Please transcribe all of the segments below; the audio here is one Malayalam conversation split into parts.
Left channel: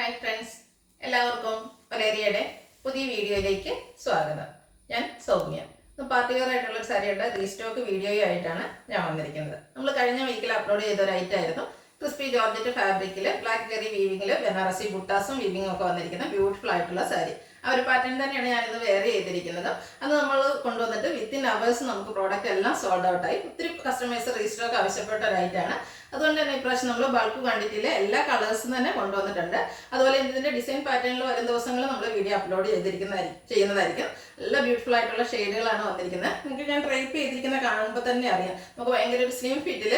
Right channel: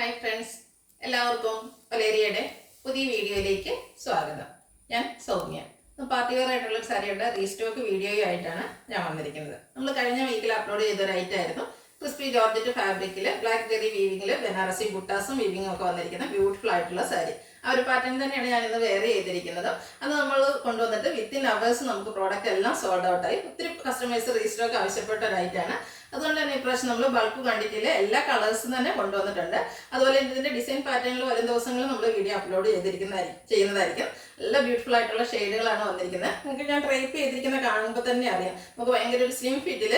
ഹായ് ഫ്രണ്ട്സ്, എല്ലാവർക്കും ഒലേരിയയുടെ പുതിയ വീഡിയോയിലേക്ക് സ്വാഗതം. ഞാൻ സൗമ്യ. പാർട്ടി വെയർ ആയിട്ടുള്ള ഒരു സാരിയുടെ റീസ്റ്റോക്ക് വീഡിയോ ആയിട്ടാണ് ഞാൻ വന്നിരിക്കുന്നത്. നമ്മൾ കഴിഞ്ഞ വീക്കിൽ അപ്ലോഡ് ചെയ്ത ഒരു ഐറ്റം ആയിരുന്നു ക്രിസ്പി ജോർജറ്റ് ഫാബ്രിക്കിൽ ബ്ലാക്ക് ജെറി വീവിങ്ങിൽ ബനാറസി ബുട്ടാസും വീവിങ്ങും ഒക്കെ വന്നിരിക്കുന്ന ബ്യൂട്ടിഫുൾ ആയിട്ടുള്ള സാരി. ആ ഒരു പാറ്റേൺ തന്നെയാണ് ഞാൻ ഇന്ന് വെയർ ചെയ്തിരിക്കുന്നത്. അത് നമ്മൾ കൊണ്ടുവന്നിട്ട് വിത്തിൻ അവേഴ്സ് നമുക്ക് പ്രോഡക്റ്റ് എല്ലാം സോൾഡ് ഔട്ടായി. ഒത്തിരി കസ്റ്റമേഴ്സ് റീസ്റ്റോക്ക് ആവശ്യപ്പെട്ട ഒരു ഐറ്റമാണ്. അതുകൊണ്ട് തന്നെ ഇപ്രാവശ്യം നമ്മൾ ബൾക്ക് ക്വാണ്ടിറ്റിയിൽ എല്ലാ കളേഴ്സും തന്നെ കൊണ്ടുവന്നിട്ടുണ്ട്. അതുപോലെ ഇതിന്റെ ഡിസൈൻ പാറ്റേണിൽ വരും ദിവസങ്ങളിൽ നമ്മൾ വീഡിയോ അപ്ലോഡ് ചെയ്യുന്നതായിരിക്കും. നല്ല ബ്യൂട്ടിഫുൾ ആയിട്ടുള്ള ഷെയ്ഡുകളാണ് വന്നിരിക്കുന്നത്. നിങ്ങൾക്ക് ഞാൻ ഡ്രൈപ്പ് ചെയ്തിരിക്കുന്ന കാണുമ്പോൾ തന്നെ അറിയാം, നമുക്ക് ഭയങ്കര ഒരു സ്ലിം ഫിറ്റിൽ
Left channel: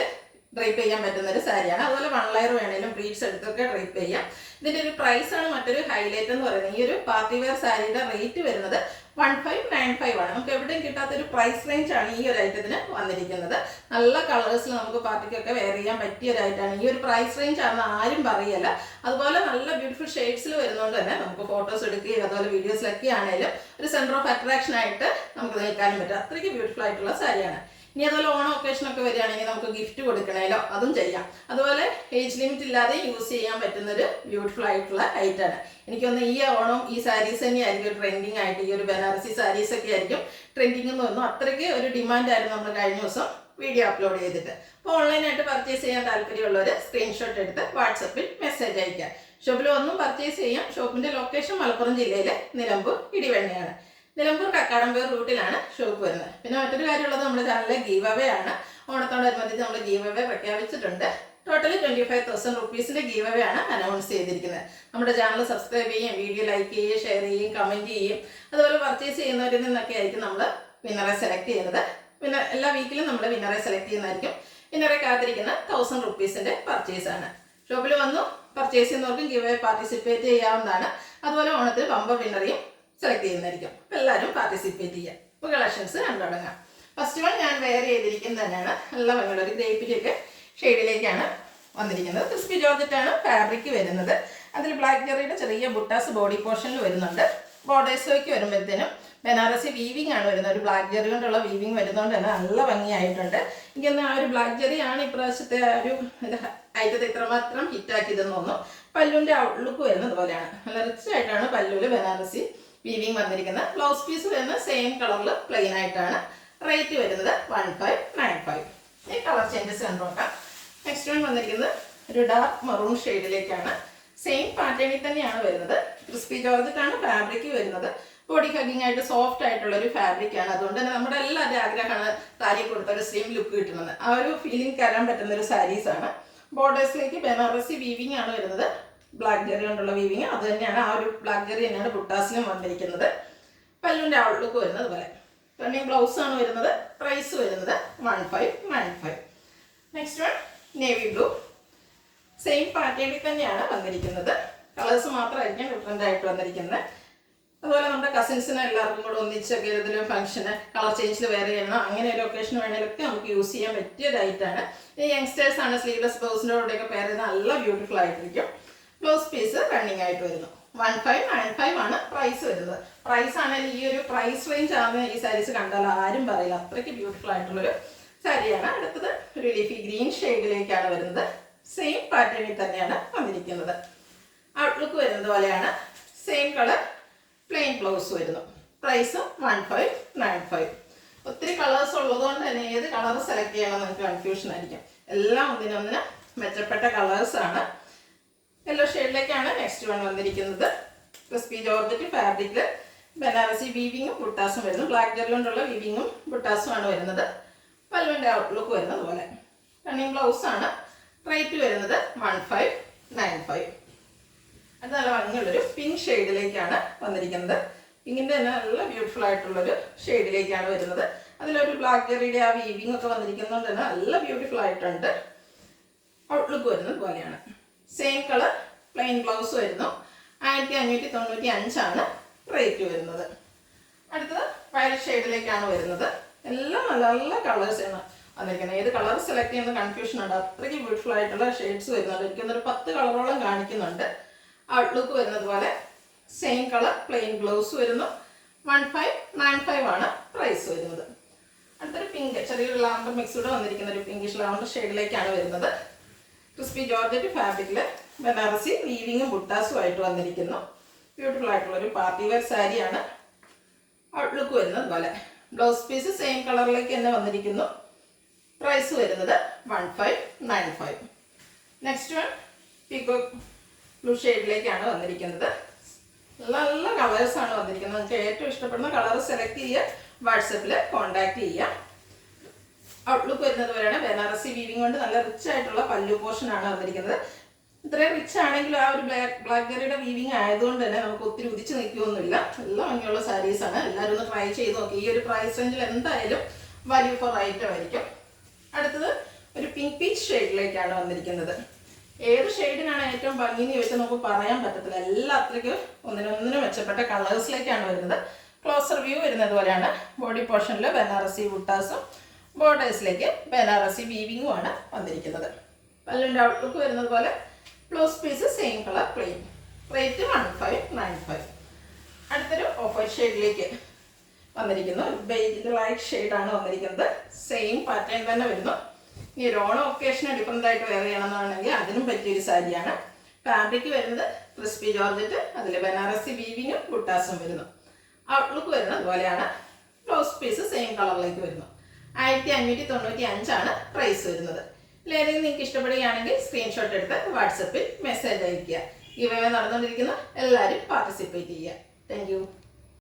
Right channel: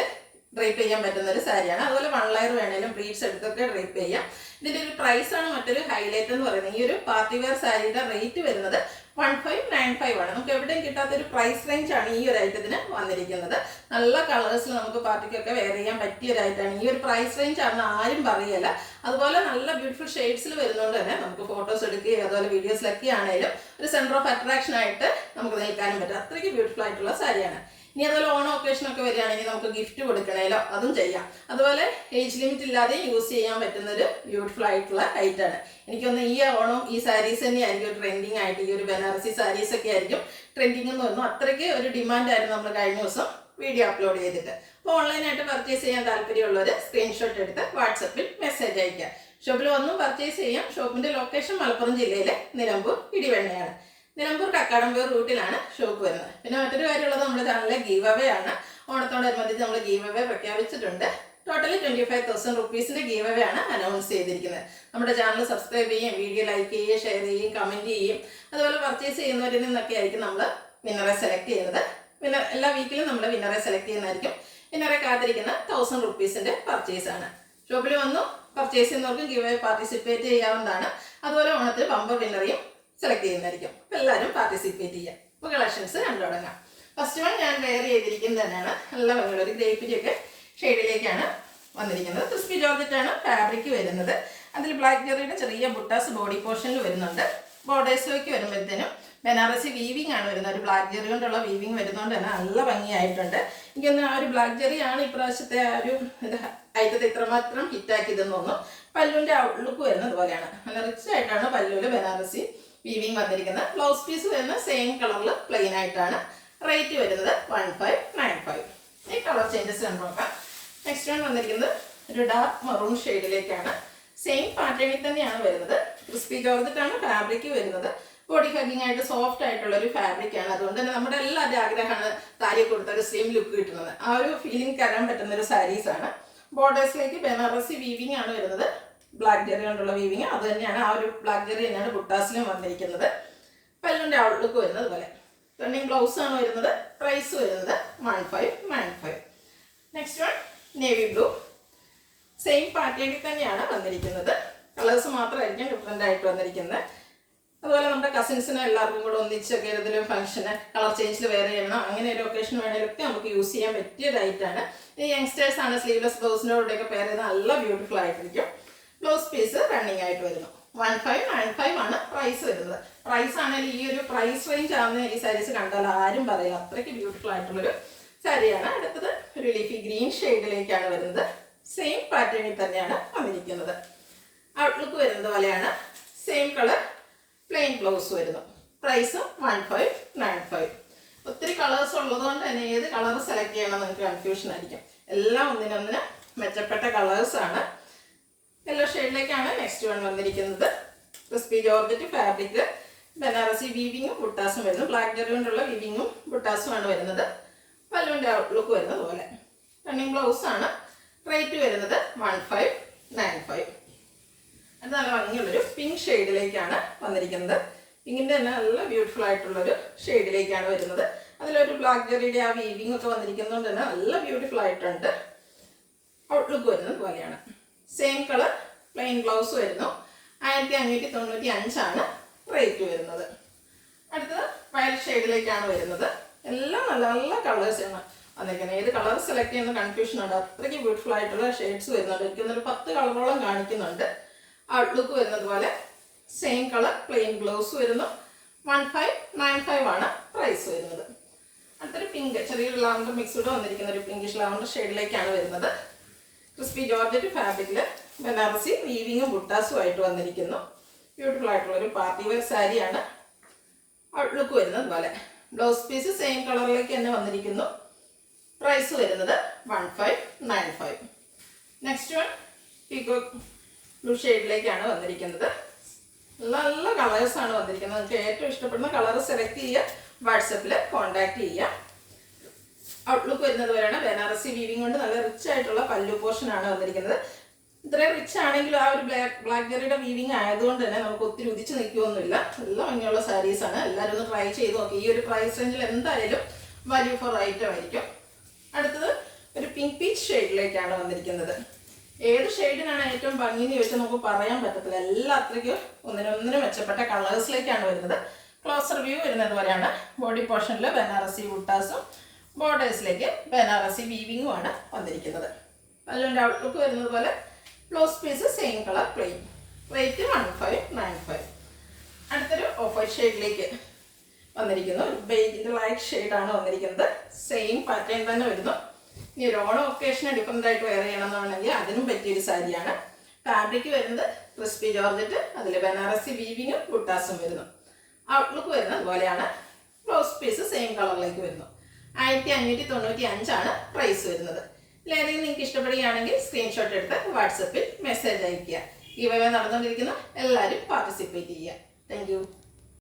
ഡ്രൈപ്പ് ചെയ്യാൻ പറ്റുന്ന ഒരു സാരിയാണ്. അതുപോലെ 1 ലെയർ വേണേലും പ്ലീറ്റ്സ് എടുത്തൊക്കെ ഡ്രൈപ്പ് ചെയ്യാം. ഇതിന്റെ ഒരു പ്രൈസാണ് മറ്റൊരു ഹൈലൈറ്റ് എന്ന് പറയുന്നത്. ഈ ഒരു പാർട്ടി വെയർ സാരിയുടെ റേറ്റ് വരുന്നത് 1595 ആണ്. നമുക്ക് എവിടെയും കിട്ടാത്തൊരു പ്രൈസ് റേഞ്ച് ആണ് ഈ ഒരു ഐറ്റത്തിന് വന്നിരിക്കുന്നത്. നല്ല കളേഴ്സിൽ നമുക്ക് പാർട്ടിക്കൊക്കെ വെയർ ചെയ്യാൻ പറ്റിയ ഒരു ഐറ്റമാണ്. ഈ ഒരു പ്രൈസ് റേഞ്ച് ആണെന്ന് ആരും പറയല്ല. അതുപോലെ നല്ല ബ്യൂട്ടിഫുൾ ഷെയ്ഡ്സിൽ വരുന്നതുകൊണ്ട് തന്നെ നമുക്ക് ഫോട്ടോസ് എടുക്കുകയും അതുപോലെ വീഡിയോസിലൊക്കെ ആണെങ്കിലും ഒരു സെന്റർ ഓഫ് അട്രാക്ഷൻ ആയിട്ട് നമുക്ക് നിൽക്കാനും പറ്റും. അത്രയ്ക്ക് ബ്യൂട്ടിഫുൾ ആയിട്ടുള്ള സാരിയാണ്. ഇനി അതുപോലെ ഓണം ഒക്കേഷനൊക്കെ വരികയാണെങ്കിൽ നമുക്ക് ഗിഫ്റ്റ് കൊടുക്കണേലോ അതും ചെയ്യാം. അതുപോലെ ഏജ് ലിമിറ്റ് ഇല്ലാതെ യൂസ് ചെയ്യാൻ പറ്റുന്ന ഒരു ബ്യൂട്ടിഫുൾ ആയിട്ടുള്ള ഐറ്റാണ്. എനിക്കൊന്ന് ഈ ഓണം ഈ സാരീസ് തന്നെ ആയിരിക്കും ട്രെൻഡിങ് ആയിട്ട്. ഈ ഒരു ബനാറസി സാരീസ് ഒക്കെ ആയിരിക്കും ട്രെൻഡിങ് എന്ന് തോന്നുന്നു. അത്രയ്ക്ക് ഒരു ഡിമാൻഡായിരുന്നു നമ്മൾ കഴിഞ്ഞ ദിവസം വീഡിയോ അപ്ലോഡ് ചെയ്തിട്ട്. അപ്പോൾ ഓൺലൈനായിട്ട് പർച്ചേസ് ചെയ്യാൻ താല്പര്യമുള്ളവർ സ്ക്രീൻഷോട്ട് എടുത്ത് വാട്സപ്പിൽ മെസ്സേജ് അയക്കാം. ഷോപ്പിൽ വന്നും പർച്ചേസ് ചെയ്യാം. ഷോപ്പിന്റെ ലൊക്കേഷൻ മലപ്പുറം ജില്ലയിലെ നിലമ്പൂർ ഇടിവണ്ണയാണ്. നിലമ്പൂർ കക്കാടംപേർ റൂട്ടിലാണ് ഷോപ്പ് വരുന്നത്. പിന്നെ മറ്റൊരു കാര്യമുള്ളത് നമ്മുടെ ചാനലിലെ ഗീവ് അവേ ആണ്. ഓണത്തോടനുബന്ധിച്ച് നമ്മൾ ഗീവ് അവേ പ്രഖ്യാപിച്ചിട്ടുണ്ട്. ടോട്ടലി 25,000 റുപ്പീസിന്റെ ഗീവ് അവേ ആണ് അനൗൺസ് ചെയ്തിരിക്കുന്നത്. നമ്മുടെ ചാനൽ സബ്സ്ക്രൈബ് ചെയ്യും, വീഡിയോ ലൈക്ക് ചെയ്യുകയും ഷെയർ ചെയ്യുകയും കമന്റ് ചെയ്യും. അതുപോലെ പർച്ചേസ് ചെയ്യുന്നവരിൽ നിന്നൊക്കെ ആയിരിക്കും നമ്മൾ വിന്നറെ സെലക്ട് ചെയ്യുന്നത്. പിന്നെ എല്ലാ വീക്കിലും നമ്മൾ വിന്നറെ സെലക്ട് ചെയ്യുന്നതായിരിക്കും. വിന്നറെ കാത്തിരിക്കുന്ന 1000 റുപ്പീസിന്റെ പർച്ചേസ് ആണ്. ഷോപ്പിൽ വന്നു പർച്ചേസ് ചെയ്യുന്നവർക്കും ഗീവ് അവേ പാർട്ടിസിപ്പേറ്റ് ചെയ്യാവുന്നതാണ്. അതുപോലെ ഓണത്തിന് ബമ്പർ വിന്നറെയും സെലക്ട് ചെയ്യുന്നതായിരിക്കും. അപ്പോൾ എല്ലാവരും പാർട്ടിസിപ്പേറ്റ് ചെയ്യാം. അപ്പോൾ കളക്ഷൻസ് കണ്ടു തുടങ്ങാം. ഫസ്റ്റ് വൺ ഞാൻ വെയർ ചെയ്തിരിക്കുന്നത് തന്നെയാണ്. നല്ല ഭംഗിയുള്ള ഒരു ഗ്രേപ്പിൻ്റെയൊക്കെ ഷെയ്ഡിലേക്കാണ് വന്നിരിക്കുന്നത്. ക്രിസ്പി ജോർജറ്റാണ് ഫാബ്രിക് വരുന്നത്. അതിൽ ബ്ലാക്ക് ജെറിയുടെ ചെറിയ ബുട്ടാസ് ബോഡി പോർഷനിൽ വരുന്നുണ്ട്. ബോർഡേഴ്സിലേക്ക് വരുമ്പോഴത്തേനും ബനാറസി വീവിംഗ് ആണ് വരുന്നത്. ഒരു ബ്ലാക്ക് ജെറി കൊണ്ടുള്ള വീവിംഗ് വരുന്നതുകൊണ്ട് തന്നെ നല്ല ഭംഗിയായിട്ടുണ്ട്. എനിക്കൊന്ന് ആ ഒരു ബ്ലാക്ക് ജെറിയാണ് ഇപ്രാവശ്യത്തെ ആ ഒരു ഐറ്റത്തെ ഇത്രമാത്രം ഹിറ്റാക്കിയതെന്ന് തോന്നുന്നു. പല്ലുവിൻ്റെ ഔട്ട്ലുക്ക് വരുന്നത് പോലെയാണ്. നല്ല റിച്ച് ആയിട്ടാണ് പല്ലുവിൽ ബനാറസി വീവിംഗ് വന്നിരിക്കുന്നത്. ബ്ലൗസ് പീസ് വരുന്നത് സെയിം കളറിൽ പ്ലെയിൻ ആയിട്ടാണ്. റേറ്റ് വരുന്നത് 1595. ഈ കളർ ചേഞ്ചസ് കണ്ടു നോക്കാം. നെക്സ്റ്റ് വൺ വന്നിരിക്കുന്നത് ഒരു ഡാർക്ക് മറൂൺ ഷെയ്ഡിലേക്കാണ്. സെയിം പാറ്റേണിൽ തന്നെയാണ് വരുന്നത്. ക്രിസ്പി ജോർജറ്റാണ് ഫാബ്രിക് വരുന്നത്. ബോഡി ഹഗിങ് ആയിട്ട് സോഫ്റ്റ് ആയിട്ടുള്ള ഒരു ഫാബ്രിക് ആണ്. അതുകൊണ്ട് തന്നെ നമ്മുടെ എല്ലാവരുടെ ആഗ്രഹമാണ് സാരി കൊടുത്ത ഒരു സ്ലിം ലുക്ക് കിട്ടുന്നത്. ആ ഒരു ഫീലിംഗ് തരാൻ പറ്റുന്ന ഒരു സാരീസ് ആണ്. ബോർഡേഴ്സിലേക്ക് ബനാറസി വീവിംഗ് ആണ് വരുന്നത്. ബ്ലാക്ക് ജെറി കൊണ്ടുള്ള വീവിങ് അത് തന്നെയാണ്. ആ ഒരു ബ്ലാക്ക് ജെറി തന്നെയാണ് ബുട്ടാസിലും വന്നിരിക്കുന്നത്. പല്ലുവിൻ്റെ ഔട്ട്ലുക്ക് വരുന്നത് പോലെ റണ്ണിങ് ബ്ലൗസ് ആണ് വരുന്നത്. പ്രൈസ് വരുന്നത് 1595. Next one navy blue. Same പാറ്റേണിൽ തന്നെയാണ് വന്നിരിക്കുന്നത്. കളേഴ്സ് മാത്രമായിരിക്കും ഡിഫറെൻ്റ് ആയിട്ട് വന്നിരിക്കുന്നത്. അതുപോലെ നമ്മുടെ കസിൻസിന് എല്ലാവർക്കും കൂടെ ഒന്നിച്ചൊക്കെ ഏതെങ്കിലും ഫംഗ്ഷന് കളർ ചേഞ്ചിൽ വേറെ ചെയ്യണം, അങ്ങനെ ഒരു ഒക്കേഷൻ വേണമെങ്കിലൊക്കെ നമുക്ക് യൂസ് ചെയ്യാൻ പറ്റിയ ഒരു ഐറ്റാണ്. ഈ യങ്സ്റ്റേഴ്സ് ആണ് സ്ലീവ്ലെസ് ബ്ലൗസിൻ്റെ കൂടെയൊക്കെ പെയർ ചെയ്ത് നല്ല ബ്യൂട്ടിഫുൾ ആയിട്ടിരിക്കും. ബ്ലൗസ് പീസ് റണ്ണിങ് ആയിട്ട് വരുന്നു. 1595 ആണ് പ്രൈസ് വരുന്നത്. പ്രൈസ് ആണെങ്കിൽ ഈ ഒരു പ്രൈസ് റേഞ്ച് ആണ് ഈ സാരീസ് കണ്ടാൽ ആരും പറയില്ല. അത്രയ്ക്ക് ബ്യൂട്ടിഫുൾ ആയിട്ടുള്ളൊരു സാരിയാണ്. അടുത്തത് ഒരു ലീഫി ഗ്രീൻ ഷെയ്ഡിലേക്കാണ് വരുന്നത്. സെയിം പാറ്റേണിൽ തന്നെയാണ് വന്നിരിക്കുന്നത്. ഔട്ട്ലുക്ക് വരുന്നത് പോലെയാണ്. സെയിം കളർ പ്ലെയിൻ ബ്ലൗസ് വരുന്നു. പ്രൈസ് 1595. ഒത്തിരി കളേഴ്സ് ഉള്ളതുകൊണ്ട് തന്നെ ഏത് കളർ സെലക്ട് ചെയ്യണമെന്ന് നിങ്ങൾക്ക് കൺഫ്യൂഷൻ ആയിരിക്കും. എല്ലാം ഒന്നിനൊന്നിന് മെച്ചപ്പെട്ട കളേഴ്സാണ്. യെല്ലോ ഷെയ്ഡിലേക്കാണ് നെക്സ്റ്റ് വൺ വന്നിരിക്കുന്നത്. ക്രിസ്പി ജോർജറ്റ് ഫാബ്രിക്കിൽ ബനാറസി വീവിങ്ങും ബുട്ടാസും വരുന്നു. ബ്ലാക്ക് ജെറി കൊണ്ടുള്ള വീവിങ്ങും ബുട്ടാസും ആണ് വരുന്നത്. പല്ലുവിൻ്റെ ഔട്ട്ലുക്ക് വരുന്നത് പോലെ റണ്ണിങ് ബ്ലൗസ് ആണ്. റേറ്റ് വരുന്നത് 1595. അത് നല്ല ഭംഗിയുള്ളൊരു പിങ്ക് ഷെയ്ഡിലേക്കാണ് വന്നിരിക്കുന്നത്. പിങ്കിൻ്റെ തന്നെ നല്ല ബ്യൂട്ടിഫുൾ ആയിട്ടുള്ളൊരു ഷെയ്ഡിലേക്കാണ് വരുന്നത്. അതിലൊരു ബ്ലാക്ക് ജെറിയുടെ ആ വീവിങ് ഒക്കെ വന്നിരിക്കുന്നതുകൊണ്ട് തന്നെ നല്ല ബ്യൂട്ടിഫുൾ ആയിട്ടുണ്ട്. ഔട്ട്ലുക്ക് വരുന്നത് പോലെയാണ്. സെയിം കളർ പ്ലെയിൻ ബ്ലൗസ് വരുന്നു. 1595 ആണ് റേറ്റ് വരുന്നത്. അടുത്തത് വയലറ്റ് ഷെയ്ഡിലേക്കാണ് വരുന്നത്. എല്ലാം നല്ല നല്ല കളേഴ്സാണ് വന്നിരിക്കുന്നത്. ഏത് കളർ സെലക്ട് ചെയ്യുന്ന കൺഫ്യൂഷൻ ഉണ്ട്. അത്രയ്ക്ക് ബ്യൂട്ടിഫുൾ ആയിട്ടുള്ള ഷെയ്ഡ്സ് വരുന്നുണ്ട്. എനിക്കൊന്നൊരു 10 കളറോളം കാണിക്കുന്നുണ്ട്. ഔട്ട്ലുക്ക് വരുന്നത് പോലെ സെയിം കളർ പ്ലെയിൻ ബ്ലൗസ് വരുന്നു. 1595 ആണ് പ്രൈസ് വരുന്നത്. അടുത്തൊരു പിങ്ക് ചെറിയൊരു ലാവണ്ടർ മിക്സ്ഡ് വന്നിരിക്കുന്ന ഒരു പിങ്കിഷ് ലാവണ്ടർ ഷെയ്ഡിലേക്കാണ് വരുന്നത്. ക്രിസ്പി ജോർജറ്റ് ഫാബ്രിക്കിൽ ബനാറസി വീവിങ്ങും ബുട്ടാസും ആയിട്ട് വന്നിരിക്കുന്നു. ബ്യൂട്ടിഫുൾ ആയിട്ടുള്ള ഒരു പാർട്ടി വെയർ സാരിയാണ്. ഔട്ട്ലുക്ക് വരുന്നത് പോലെ. ബ്ലൗസ് പീസ് സെയിം കളറിലേക്ക് തന്നെ വന്നിരിക്കുന്നു. പ്രൈസ് വരുന്നത് 1595. നെക്സ്റ്റ് വൺ പീകോക്ക് ബ്ലൂ ഷെയ്ഡിലേക്കാണ് വന്നിരിക്കുന്നത്. നല്ല കളേഴ്സാണ് വന്നിരിക്കുന്നത്. നിങ്ങൾക്ക് ഏറ്റവും ഇഷ്ടപ്പെടുന്ന കളർ സെലക്ട് ചെയ്യുക, വാട്സപ്പിൽ കോൺടാക്ട് ചെയ്യുക. ഔട്ട്ലുക്ക് വരുന്നത് പോലെയാണ്. ബനാറസി വീവിങ് കൊണ്ട് നല്ല റിച്ച് ആയിട്ടുള്ള പല്ലു പോർഷനാണ് വന്നിരിക്കുന്നത്. ഇത്രയും റിച്ച് ആണെങ്കിലും ആ ഒരു ബ്ലാക്ക് ബെറിയുടെ വീവിങ് ആയതുകൊണ്ട് തന്നെ നമുക്ക് ഒത്തിരി ഉദിച്ച് നിൽക്കുകയൊന്നുമില്ല. എല്ലാം ഭംഗിയുള്ള സാരീസാണ്. എല്ലാവരും ഒന്ന് ട്രൈ ചെയ്ത് നോക്കി. ഈ ഒരു പ്രൈസ് റേഞ്ചിൽ എന്തായാലും വാല്യൂ ഫോർ ഐറ്റം ആയിരിക്കും. അടുത്തത് ഒരു പിങ്ക് പീച്ച് ഷെയ്ഡിലേക്കാണ് വന്നിരിക്കുന്നത്. ഏത് ഷെയ്ഡിനാണ് ഏറ്റവും ഭംഗി എന്ന് ചോദിച്ചാൽ നമുക്ക് പറയാൻ പറ്റത്തില്ല. എല്ലാത്തിലേക്കും ഒന്നിനൊന്നിനും മെച്ചപ്പെട്ട കളേഴ്സിലേക്കാണ് വരുന്നത്. ക്ലോസർ വ്യൂ വരുന്നത് പോലെയാണ്. ബോഡി പോർഷനിൽ ബനാറസി ബുട്ടാസും ബോർഡേഴ്സിലേക്ക് ബനാറസി വീവിങ്ങുമാണ് വന്നിരിക്കുന്നത്. പല്ലുവിൻ്റെ ഔട്ട്ലുക്ക് വരുന്നത് പോലെ. Blouse piece same colour plain. Rate 1595. അടുത്തൊരു ഓഫ് വൈറ്റ് ഷെയ്ഡിലേക്ക് വന്നിരിക്കുന്നു. ബ്ലാക്ക് ഷെയ്ഡാണ് വന്നിരിക്കുന്നത്. സെയിം പാറ്റേൺ തന്നെ വരുന്നു. ഈ ഒരു ഓണം ഒക്കേഷന് ഡിഫറൻ്റ് ആയിട്ട് വെയർ ചെയ്യണമെന്നാണെങ്കിൽ അതിനും പറ്റിയൊരു സാരിയാണ്. ഫാബ്രിക് വരുന്നത് ക്രിസ്പി ജോർജറ്റ്, അതിൽ ബനാറസി വീവിങ്ങും ബുട്ടാസും വരുന്നു. ഔട്ട്ലുക്ക് വരുന്നത് അതുപോലെയാണ്. ബ്ലൗസ് പീസ് സെയിം കളറിലേക്ക് വരുന്നു. 1595 പ്രൈസ് വരുന്നത്. ഇതിലേതെങ്കിലും നിങ്ങൾക്ക് ഇഷ്ടപ്പെടുകയാണെങ്കിൽ സ്ക്രീൻഷോട്ട് എടുത്ത് വാട്സപ്പിൽ മെസ്സേജ് അയയ്ക്കുക. ഈ വക നടന്നുകൊണ്ടിരിക്കുന്ന എല്ലാവരും പാർട്ടിസിപ്പേറ്റ് ചെയ്യുക. Thank you.